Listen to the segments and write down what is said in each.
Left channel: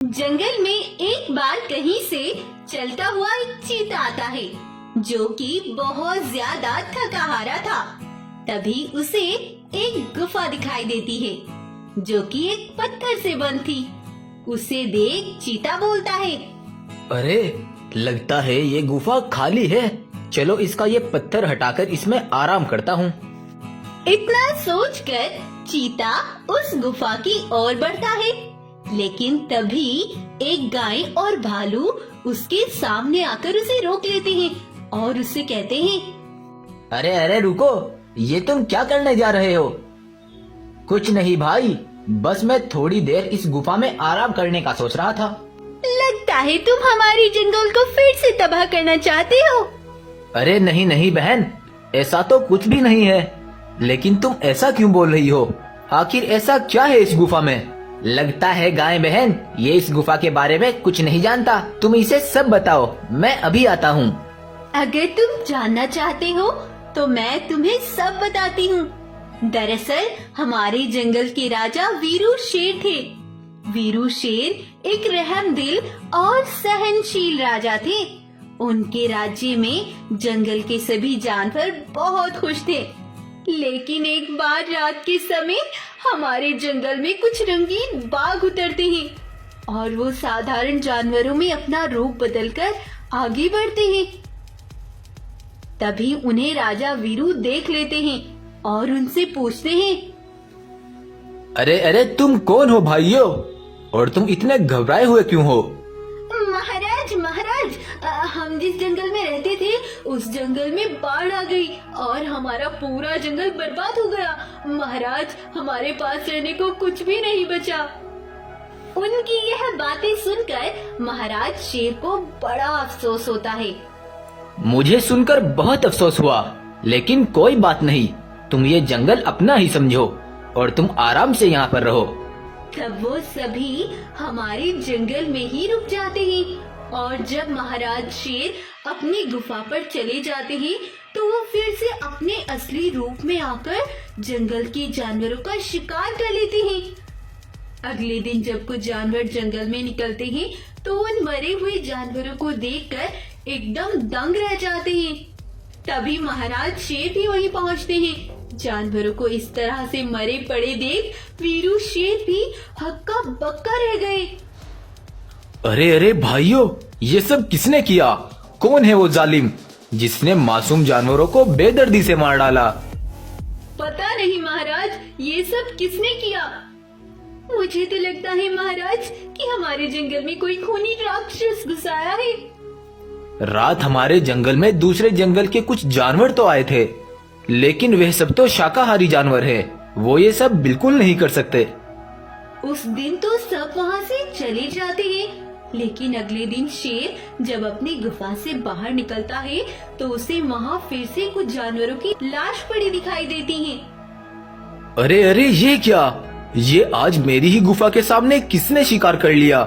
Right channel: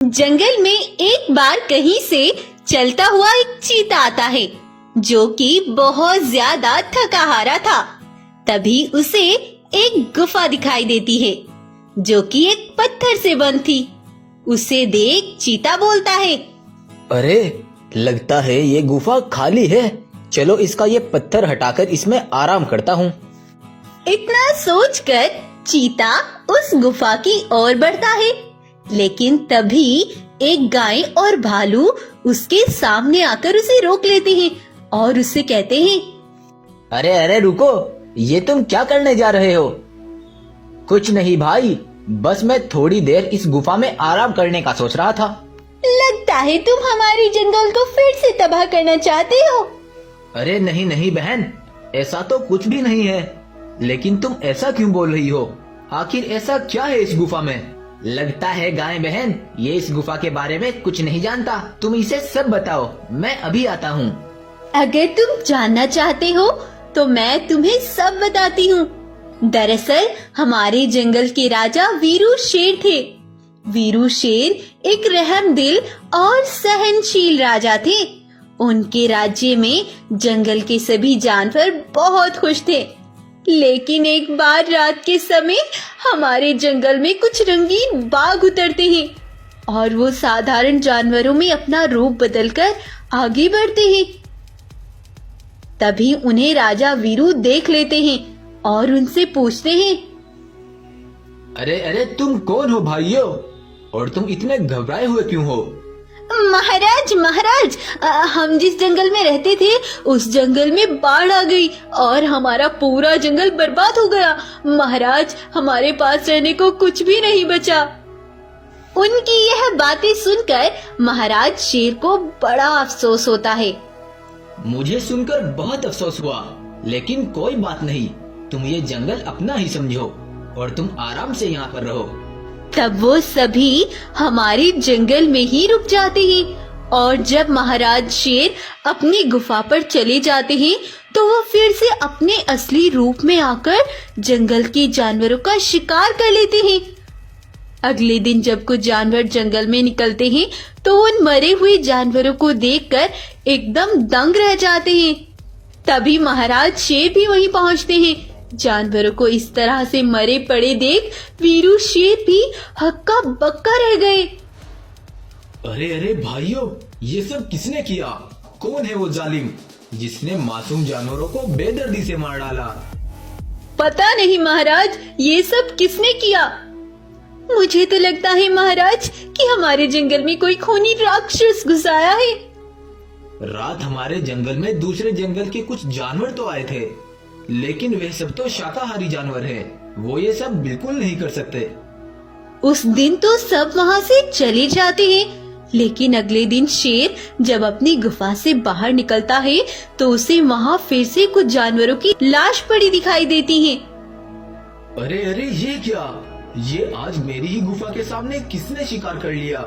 जंगल में एक बार कहीं से चलता हुआ एक चीता आता है जो कि बहुत ज्यादा थका हारा था। तभी उसे एक गुफा दिखाई देती है जो कि एक पत्थर से बंद थी। उसे देख चीता बोलता है, अरे लगता है ये गुफा खाली है। चलो इसका ये पत्थर हटाकर इसमें आराम करता हूँ। इतना सोचकर चीता उस गुफा की ओर बढ़ता है, लेकिन तभी एक गाय और भालू उसके सामने आकर उसे रोक लेते हैं और उससे कहते हैं, अरे अरे रुको, ये तुम क्या करने जा रहे हो? कुछ नहीं भाई, बस मैं थोड़ी देर इस गुफा में आराम करने का सोच रहा था। लगता है तुम हमारी जंगल को फिर से तबाह करना चाहते हो। अरे नहीं नहीं बहन, ऐसा तो कुछ भी नहीं है। लेकिन तुम ऐसा क्यों बोल रही हो? आखिर ऐसा क्या है इस गुफा में? लगता है गाय बहन ये इस गुफा के बारे में कुछ नहीं जानता। तुम इसे सब बताओ, मैं अभी आता हूँ। अगर तुम जानना चाहते हो तो मैं तुम्हें सब बताती हूँ। दरअसल हमारे जंगल के राजा वीरू शेर थे। वीरू शेर एक रहमदिल और सहनशील राजा थे। उनके राज्य में जंगल के सभी जानवर बहुत खुश थे। लेकिन एक बार रात के समय हमारे जंगल में कुछ रंगीन बाघ उतरते हैं और वो साधारण जानवरों में अपना रूप बदलकर आगे बढ़ते हैं। तभी उन्हें राजा वीरू देख लेते हैं और उनसे पूछते हैं, अरे अरे तुम कौन हो भाइयों, और तुम इतने घबराए हुए क्यों हो? महाराज महाराज, हम जिस जंगल में रहते थे उस जंगल में बाढ़ आ गई और हमारा पूरा जंगल बर्बाद हो गया। महाराज हमारे पास रहने को कुछ भी नहीं बचा। उनकी यह बातें सुनकर महाराज शेर को बड़ा अफसोस होता है। मुझे सुनकर बहुत अफसोस हुआ, लेकिन कोई बात नहीं। तुम ये जंगल अपना ही समझो और तुम आराम से यहाँ पर रहो। तब वो सभी हमारे जंगल में ही रुक जाते हैं और जब महाराज शेर अपनी गुफा पर चले जाते हैं तो वो फिर से अपने असली रूप में आकर जंगल के जानवरों का शिकार कर लेते हैं। अगले दिन जब कुछ जानवर जंगल में निकलते हैं तो उन मरे हुए जानवरों को देखकर एकदम दंग रह जाते हैं। तभी महाराज शेर भी वहीं पहुंचते हैं। जानवरों को इस तरह से मरे पड़े देख वीरू शेर भी हक्का बक्का रह गए। अरे अरे भाइयों, ये सब किसने किया? कौन है वो जालिम जिसने मासूम जानवरों को बेदर्दी से मार डाला? पता नहीं महाराज, ये सब किसने किया? मुझे तो लगता है महाराज कि हमारे जंगल में कोई खूनी राक्षस घुस आया है। रात हमारे जंगल में दूसरे जंगल के कुछ जानवर तो आए थे, लेकिन वह सब तो शाकाहारी जानवर हैं। वो ये सब बिल्कुल नहीं कर सकते। उस दिन तो सब वहाँ से चले जाते हैं, लेकिन अगले दिन शेर जब अपनी गुफा से बाहर निकलता है तो उसे वहाँ फिर से कुछ जानवरों की लाश पड़ी दिखाई देती है। अरे अरे ये क्या? ये आज मेरी ही गुफा के सामने किसने शिकार कर लिया?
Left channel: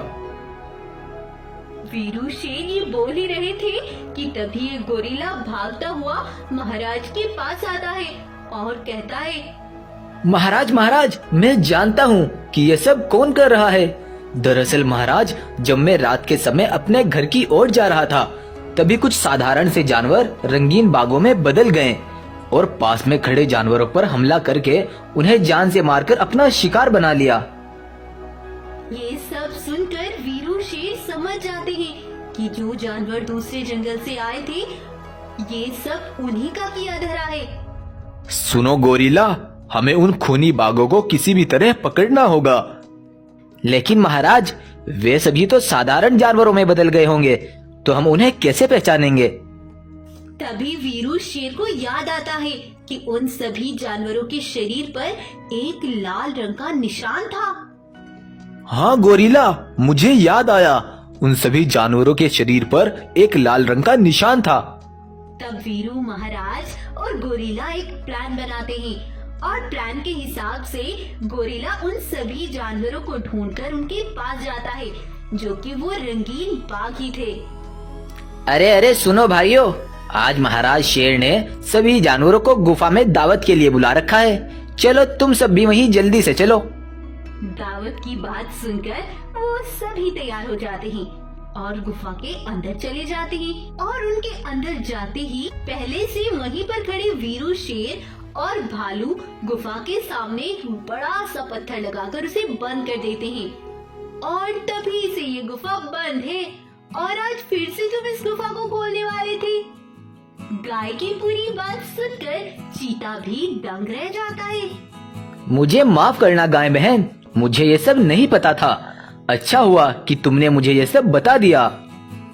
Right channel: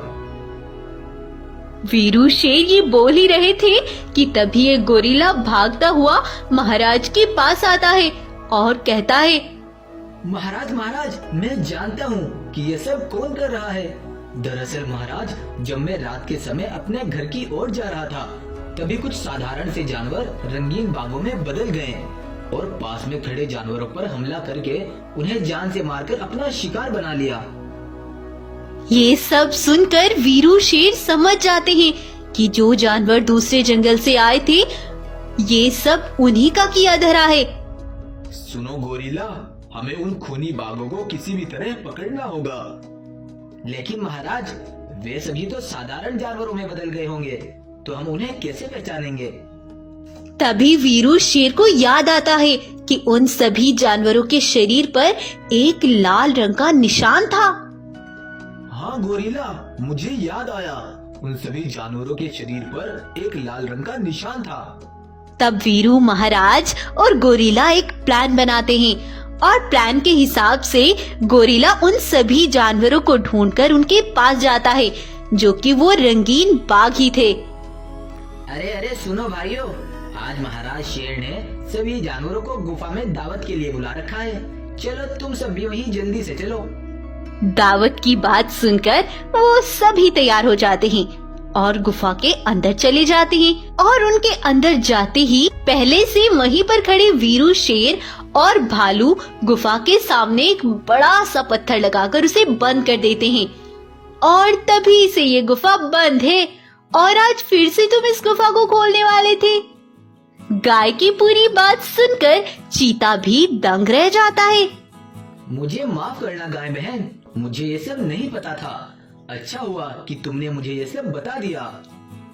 वीरू शेर ये बोल ही रहे थे कि तभी एक गोरिल्ला भागता हुआ महाराज के पास आता है और कहता है, महाराज महाराज, मैं जानता हूँ कि ये सब कौन कर रहा है। दरअसल महाराज, जब मैं रात के समय अपने घर की ओर जा रहा था तभी कुछ साधारण से जानवर रंगीन बागों में बदल गए और पास में खड़े जानवरों पर हमला करके उन्हें जान से मारकर अपना शिकार बना लिया। ये सब सुनकर वीरू शेर समझ जाते हैं कि जो जानवर दूसरे जंगल से आए थे ये सब उन्हीं का किया धरा है। सुनो गोरिल्ला, हमें उन खूनी बाघों को किसी भी तरह पकड़ना होगा। लेकिन महाराज, वे सभी तो साधारण जानवरों में बदल गए होंगे, तो हम उन्हें कैसे पहचानेंगे? तभी वीरू शेर को याद आता है कि उन सभी जानवरों के शरीर पर एक लाल रंग का निशान था। हाँ गोरिल्ला, मुझे याद आया, उन सभी जानवरों के शरीर पर एक लाल रंग का निशान था। तब वीरू महाराज और गोरिल्ला एक प्लान बनाते हैं और प्लान के हिसाब से गोरिल्ला उन सभी जानवरों को ढूंढकर उनके पास जाता है जो कि वो रंगीन बाघ ही थे। अरे अरे सुनो भाइयों, आज महाराज शेर ने सभी जानवरों को गुफा में दावत के लिए बुला रखा है। चलो तुम सब भी वहीं जल्दी से चलो। दावत की बात सुनकर वो सभी तैयार हो जाते हैं और गुफा के अंदर चले जाते हैं। और उनके अंदर जाते ही पहले से वहीं पर खड़े वीरू शेर और भालू गुफा के सामने एक बड़ा सा पत्थर लगाकर उसे बंद कर देते हैं। और तभी से ये गुफा बंद है और आज फिर से तुम इस गुफा को खोलने वाले थे। गाय की पूरी बात सुनकर चीता भी दंग रह जाता है। मुझे माफ करना गाय बहन, मुझे ये सब नहीं पता था। अच्छा हुआ कि तुमने मुझे ये सब बता दिया।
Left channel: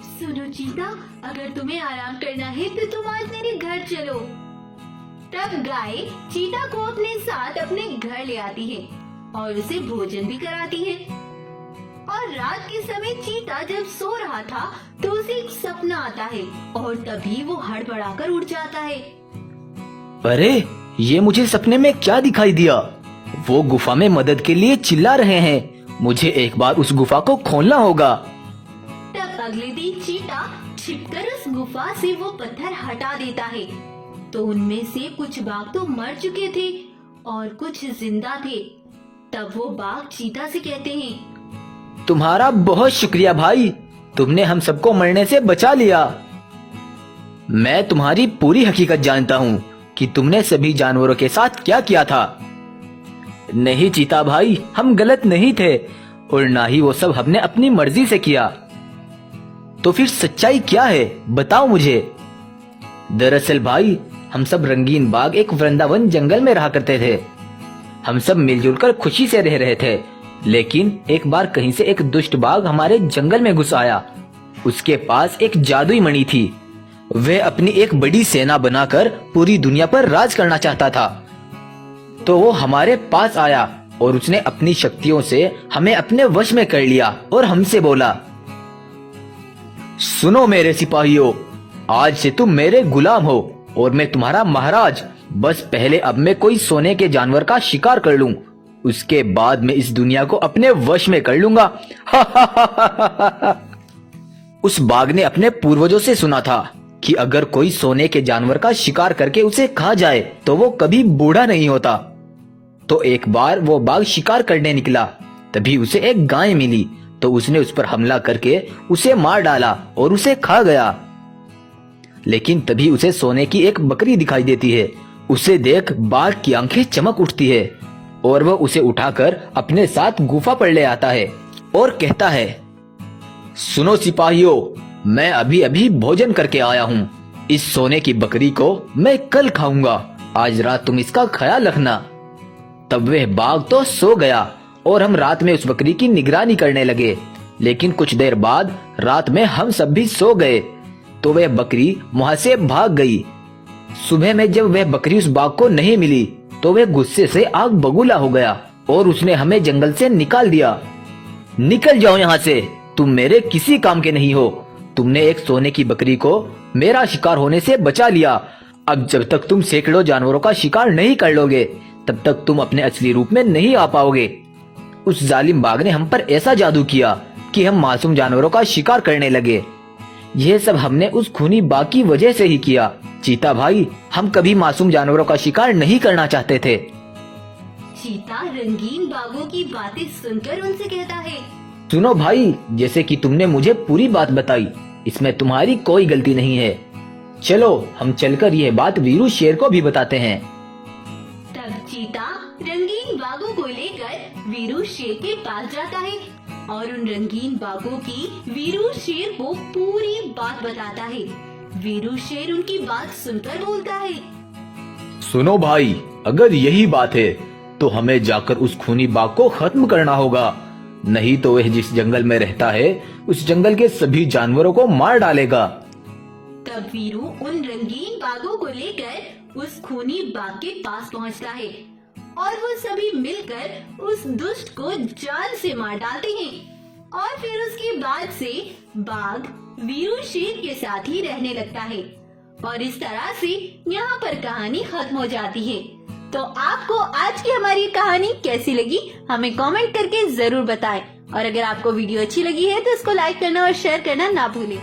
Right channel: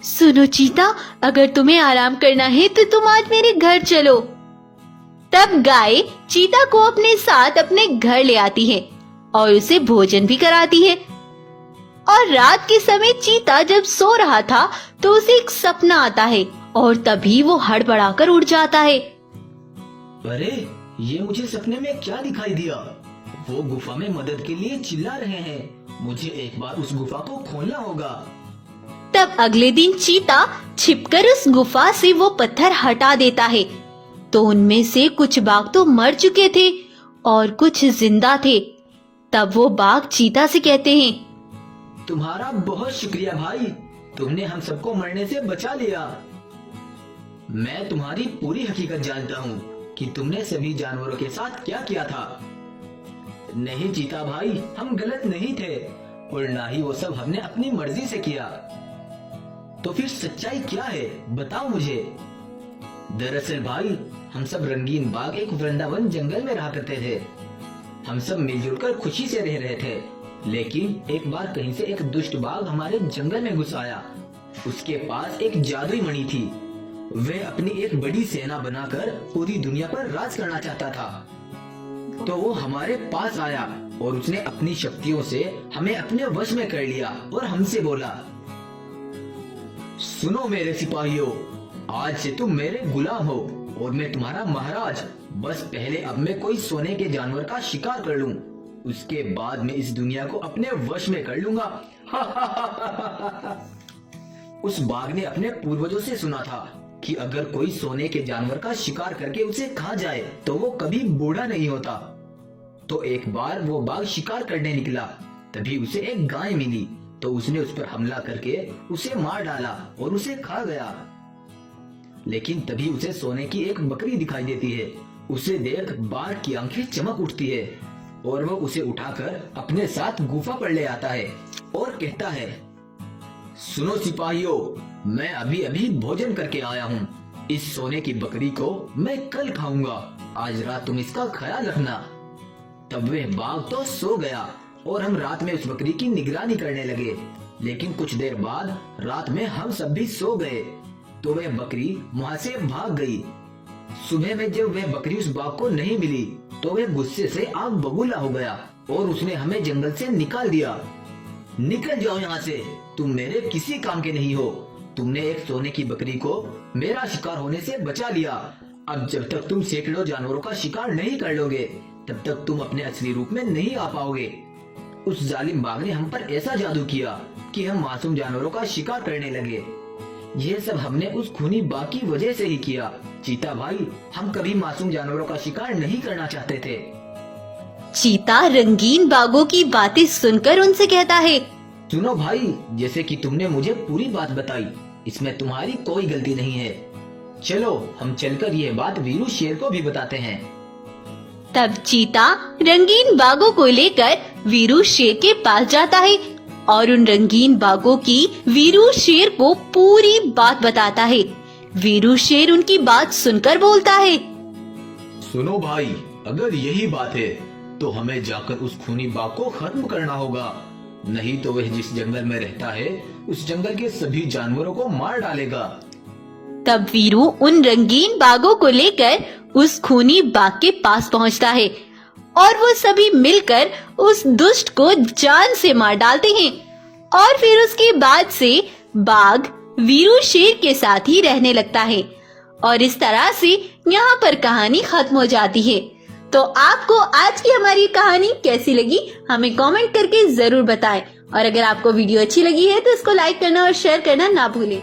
सुनो चीता, अगर तुम्हें आराम करना है तो तुम आज मेरे घर चलो। तब गाय चीता को अपने साथ अपने घर ले आती है और उसे भोजन भी कराती है। और रात के समय चीता जब सो रहा था तो उसे एक सपना आता है और तभी वो हड़बड़ाकर उठ जाता है। अरे ये मुझे सपने में क्या दिखाई दिया? वो गुफा में मदद के लिए चिल्ला रहे हैं। मुझे एक बार उस गुफा को खोलना होगा। तब अगले दिन चीता छिपकर उस गुफा से वो पत्थर हटा देता है तो उनमें से कुछ बाघ तो मर चुके थे और कुछ जिंदा थे। तब वो बाघ चीता से कहते हैं, तुम्हारा बहुत शुक्रिया भाई, तुमने हम सबको मरने से बचा लिया। मैं तुम्हारी पूरी हकीकत जानता हूँ कि तुमने सभी जानवरों के साथ क्या किया था। नहीं चीता भाई, हम गलत नहीं थे और ना ही वो सब हमने अपनी मर्जी से किया। तो फिर सच्चाई क्या है, बताओ मुझे। दरअसल भाई, हम सब रंगीन बाग एक वृंदावन जंगल में रहा करते थे। हम सब मिलजुल कर खुशी से रह रहे थे, लेकिन एक बार कहीं से एक दुष्ट बाघ हमारे जंगल में घुस आया। उसके पास एक जादुई मणि थी। वह अपनी एक बड़ी सेना बनाकर पूरी दुनिया पर राज करना चाहता था। तो वो हमारे पास आया और उसने अपनी शक्तियों से हमें अपने वश में कर लिया और हमसे बोला, सुनो मेरे सिपाहियों, आज से तुम मेरे गुलाम हो और मैं तुम्हारा महाराज। बस पहले अब मैं कोई सोने के जानवर का शिकार कर लूं, उसके बाद मैं इस दुनिया को अपने वश में कर लूंगा। उस बाघ ने अपने पूर्वजों से सुना था कि अगर कोई सोने के जानवर का शिकार करके उसे खा जाए तो वो कभी बूढ़ा नहीं होता। तो एक बार वो बाघ शिकार करने निकला, तभी उसे एक गाय मिली तो उसने उस पर हमला करके उसे मार डाला और उसे खा गया। लेकिन तभी उसे सोने की एक बकरी दिखाई देती है। उसे देख बाघ की आंखें चमक उठती है और वह उसे उठाकर अपने साथ गुफा पर ले आता है और कहता है, सुनो सिपाहियों, मैं अभी अभी भोजन करके आया हूँ। इस सोने की बकरी को मैं कल खाऊंगा, आज रात तुम इसका ख्याल रखना। तब वह बाघ तो सो गया और हम रात में उस बकरी की निगरानी करने लगे। लेकिन कुछ देर बाद रात में हम सब भी सो गए तो वह बकरी वहां से भाग गई। सुबह में जब वह बकरी उस बाघ को नहीं मिली तो वह गुस्से से आग बबूला हो गया और उसने हमें जंगल से निकाल दिया। निकल जाओ यहाँ से, तुम मेरे किसी काम के नहीं हो। तुमने एक सोने की बकरी को मेरा शिकार होने से बचा लिया। अब जब तक तुम सैकड़ों जानवरों का शिकार नहीं कर लोगे तब तक तुम अपने असली रूप में नहीं आ पाओगे। उस जालिम बाघ ने हम पर ऐसा जादू किया कि हम मासूम जानवरों का शिकार करने लगे। यह सब हमने उस खूनी बाघ की वजह से ही किया। चीता भाई, हम कभी मासूम जानवरों का शिकार नहीं करना चाहते थे। चीता रंगीन बाघों की बातें सुनकर उनसे कहता है, सुनो भाई, जैसे कि तुमने मुझे पूरी बात बताई, इसमें तुम्हारी कोई गलती नहीं है। चलो हम चलकर यह बात वीरू शेर को भी बताते हैं। तब चीता रंगीन बाघों को लेकर वीरू शेर के पास जाता है और उन रंगीन बाघों की वीरू शेर को पूरी बात बताता है। वीरू शेर उनकी बात सुनकर बोलता है, सुनो भाई, अगर यही बात है तो हमें जाकर उस खूनी बाघ को खत्म करना होगा, नहीं तो वह जिस जंगल में रहता है उस जंगल के सभी जानवरों को मार डालेगा। तब वीरू उन रंगीन बाघों को लेकर उस खूनी बाघ के पास पहुंचता है और वो सभी मिलकर उस दुष्ट को जान से मार डालते हैं। और फिर उसके बाद से बाघ वीरू शेर के साथ ही रहने लगता है और इस तरह से यहाँ पर कहानी खत्म हो जाती है। तो आपको आज की हमारी कहानी कैसी लगी हमें कमेंट करके जरूर बताएं और अगर आपको वीडियो अच्छी लगी है तो इसको लाइक करना और शेयर करना ना भूलें।